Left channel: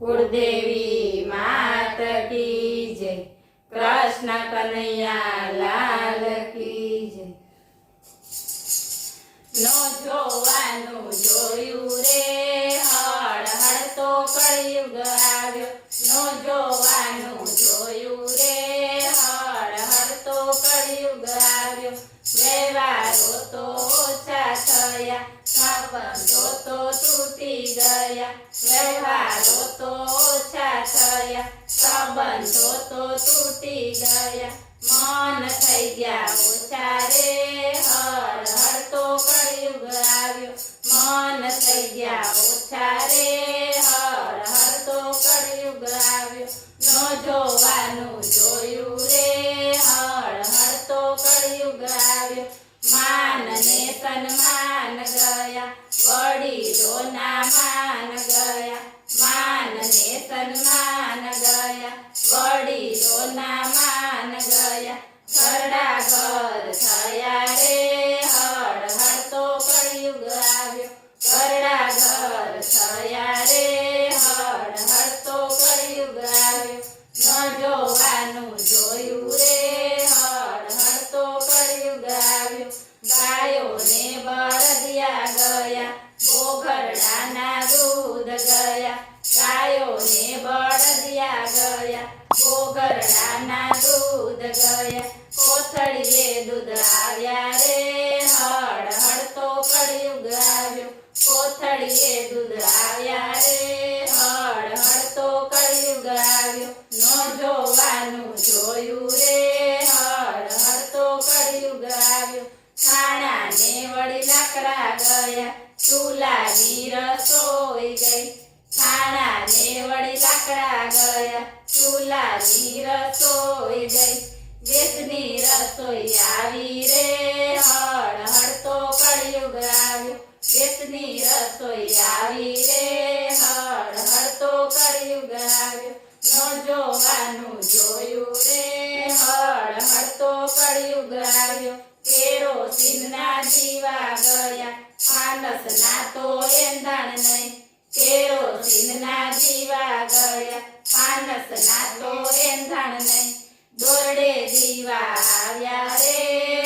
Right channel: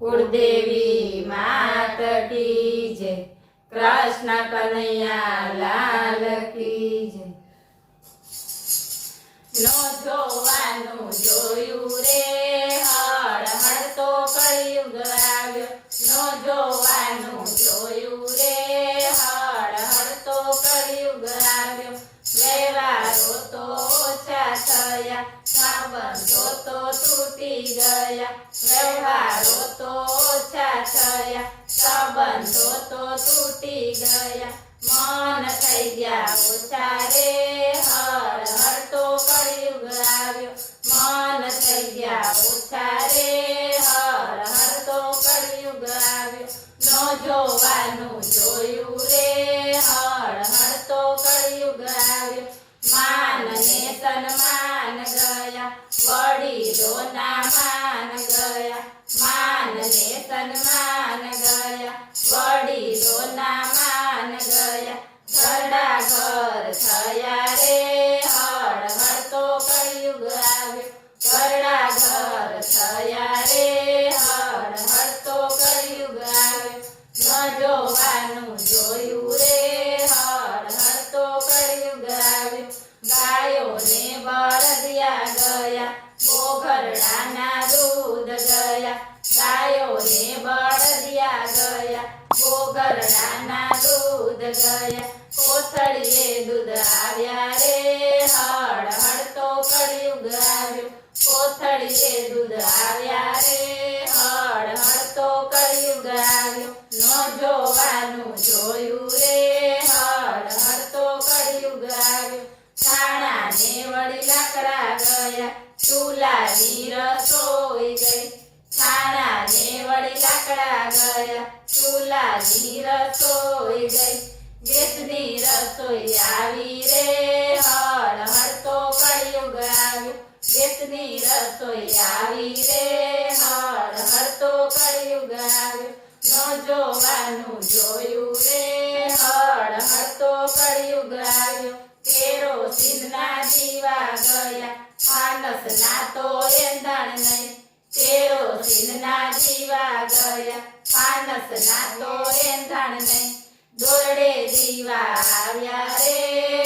कुलदेवी मात की जय, कृष्ण कन्हैया लाल की जय। नो जोवानु जोयु रे हर हर तो कलयुग आव्यो। नो जोवानु जोयु रे हर हर तो कलयुग आव्यो। व्यवहारो तो ओछा थया, संबंधो तो तूटी गया। व्यवहारो तो ओछा थया, संबंधो तो तूटी गया। मन थई गया ओछा रे हर हर तो कलयुग आव्यो। मन थई गया ओछा रे हर हर तो कलयुग आव्यो। नो जोवानु जोयु रे हर हर तो कलयुग आव्यो। मान ने सन्मान गया, वडीलो ना मान गया। मान ने सन्मान गया, वडीलो ना मान गया। घरડા घर थया रे हर हर तो कलयुग आव्यो। घरડા घर थया रे हर हर तो कलयुग आव्यो। न जोवानु जोयु रे हर हर तो कलयुग आव्यो। गायो ने बળદિયા गया, બોઘરડા ના દૂધ गया। गायो ने बળદિયા गया, બોઘરડા ના દૂધ गया। કોથળીએ દૂધ આવ્યા રે હર હર તો કલયુગ આવ્યો। કોથળીએ દૂધ આવ્યા રે હર હર તો કલયુગ આવ્યો। ન જોવાનું જોયું રે હર હર તો કલયુગ આવ્યો। છાણા ને વળી લાકડા ગયા, ચૂલાની રસોઈ ગઈ। છાણા ને વળી લાકડા ગયા, ચૂલાની રસોઈ ગઈ। ગેસની રસોઈ આવી રે હર હર તો કલયુગ આવ્યો। ગેસની રસોઈ આવી રે હર હર તો કલયુગ આવ્યો। ન જોવાનું જોયું રે હર હર તો કલયુગ આવ્યો। કેરોસીન ના દીવા ગયા, ફાનસ ના તો એંધાણ નહીં। કેરોસીન ના દીવા ગયા, ફાનસ ના તો એંધાણ નહીં। દોરડે દીવા આવ્યા રે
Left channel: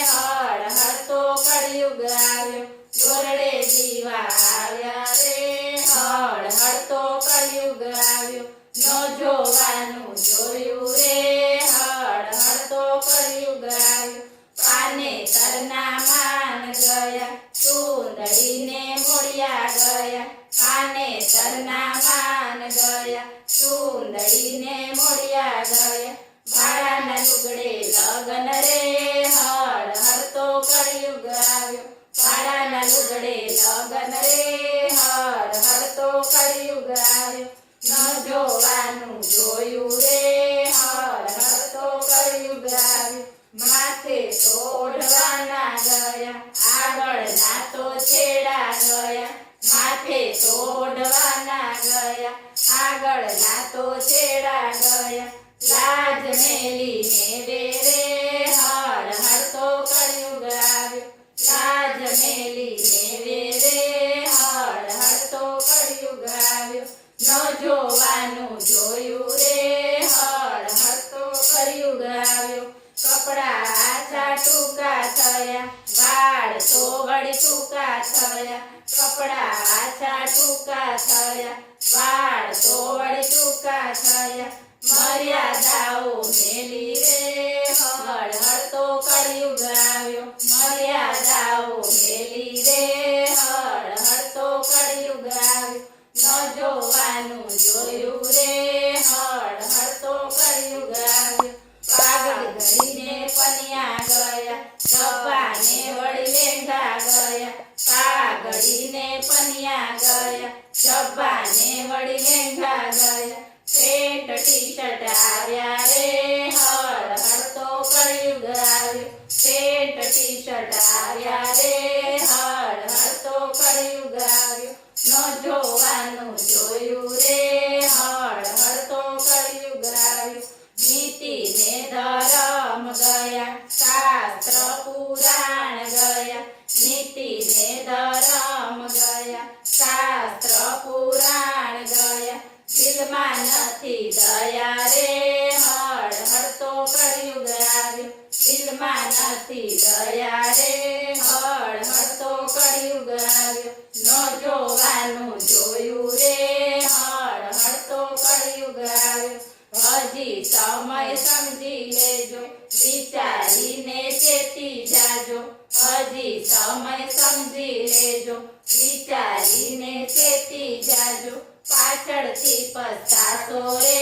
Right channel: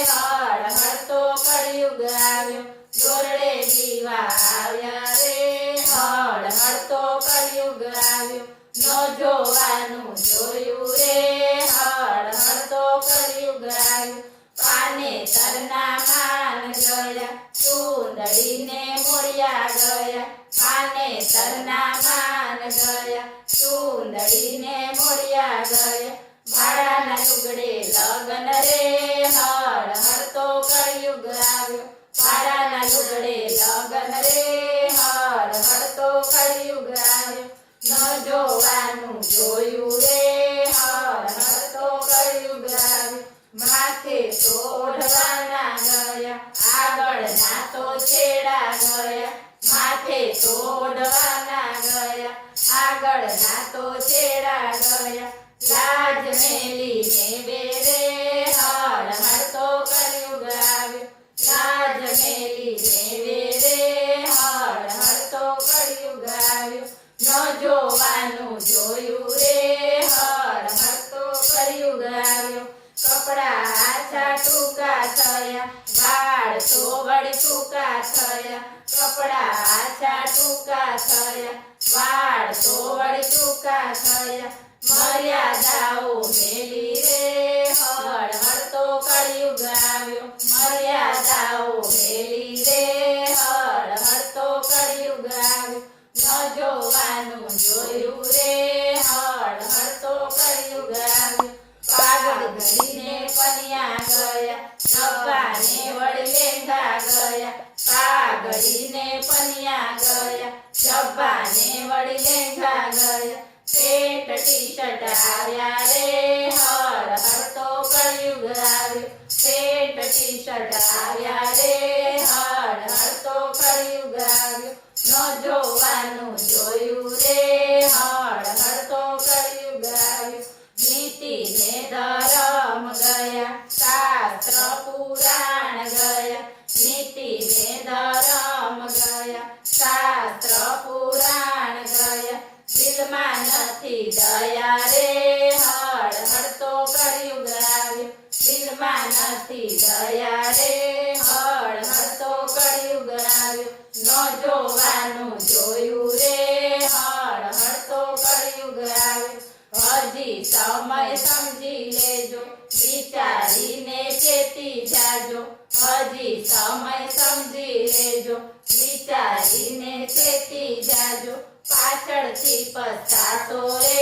હર હર તો કલયુગ આવ્યો। દોરડે દીવા આવ્યા રે હર હર તો કલયુગ આવ્યો। ન જોવાનું જોયું રે હર હર તો કલયુગ આવ્યો। પાને તરના માન ગયા, ચૂંદડીને મોડિયા ગયા। પાને તરના માન ગયા, ચૂંદડીને મોડિયા ગયા। ભાડાના લુગડે લગન રે હર હર તો કલયુગ આવ્યો। ભાડાના લુગડે લગન રે હર હર તો કલયુગ આવ્યો। ન જોવાનું જોયું રે હર હર તો કલયુગ આવ્યો। માથે તો ઓઢવાના ગયા, આગળના તો છેડા ગયા। માથે તો ઓઢવાના ગયા, આગળના તો છેડા ગયા। લાજ મેલીને બેરે હર હર તો કલયુગ આવ્યો। લાજ મેલીને બેરે હર હર તો કલયુગ આવ્યો। ન જોવાનું જોયું રે હર હર તો કલયુગ આવ્યો। કપડા આછા ટૂંકા થયા, વાળ તો વળી ટૂંકા થયા। કપડા આછા ટૂંકા થયા, વાળ તો વળી ટૂંકા થયા। મર્યાદાઓ મેલી રે હર હર તો કલયુગ આવ્યો। મર્યાદાઓ મેલી રે હર હર તો કલયુગ આવ્યો। ન જોવાનું જોયું રે હર હર તો કલયુગ આવ્યો। પાગલ ઘડીને પન્યા ગયા, જબ્બાને વળી લેંઘા ગયા। પાઘડીને પન્યા ગયા, જબ્બાને વળી લેંઘા ગયા। પેટ ટી શર્ટ આવ્યા રે હર હર તો કલયુગ આવ્યો। પેટ ટી શર્ટ આવ્યા રે હર હર તો કલયુગ આવ્યો। ન જોવાનું જોયું રે હર હર તો કલયુગ આવ્યો। નીતિ ને ધર્મ ગયા, શાસ્ત્ર પુરાણ ગયા। નીતિ ને ધર્મ ગયા, શાસ્ત્ર પુરાણ ગયા। દિલમાં ન જોવાનું જોયું રે હળ હળતો કળિયુગ આવ્યો હજી સમય સમજી લેજો વિચારીને ચેતી જાજો હજી સમય સમજી લેજો વિચારીને ચેતી જાજો પાછળથી પસ્તાશો રે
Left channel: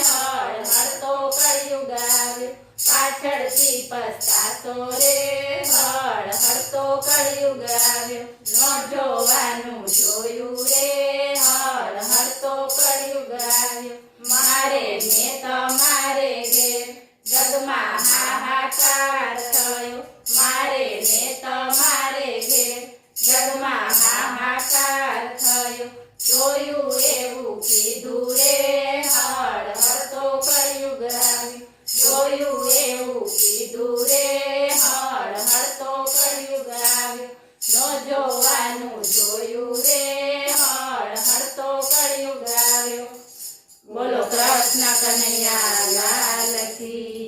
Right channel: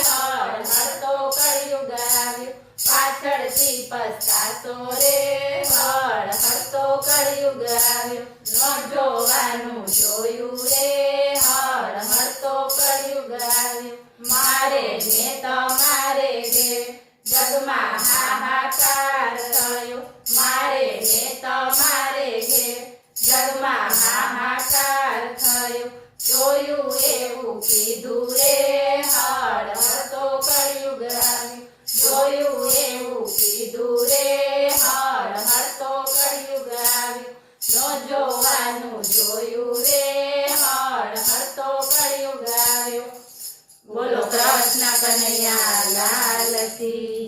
હળ હળતો કળિયુગ આવ્યો પાછળથી પસ્તાશો રે હળ હળતો કળિયુગ આવ્યો ન જોવાનું જોયું રે હળ હળતો કળિયુગ આવ્યો મારે ને તમારે ઘેર જગમાં હાહાકાર થયો મારે ને તમારે ઘેર જગમાં હાહાકાર થયો જોયું એવું કીધું રે હળ હળતો કળિયુગ આવ્યો જોયું એવું કીધું રે હળ હળતો કળિયુગ આવ્યો ન જોવાનું જોયું રે હળ હળતો કળિયુગ આવ્યો બોલો કૃષ્ણ કનૈયા લાલ કી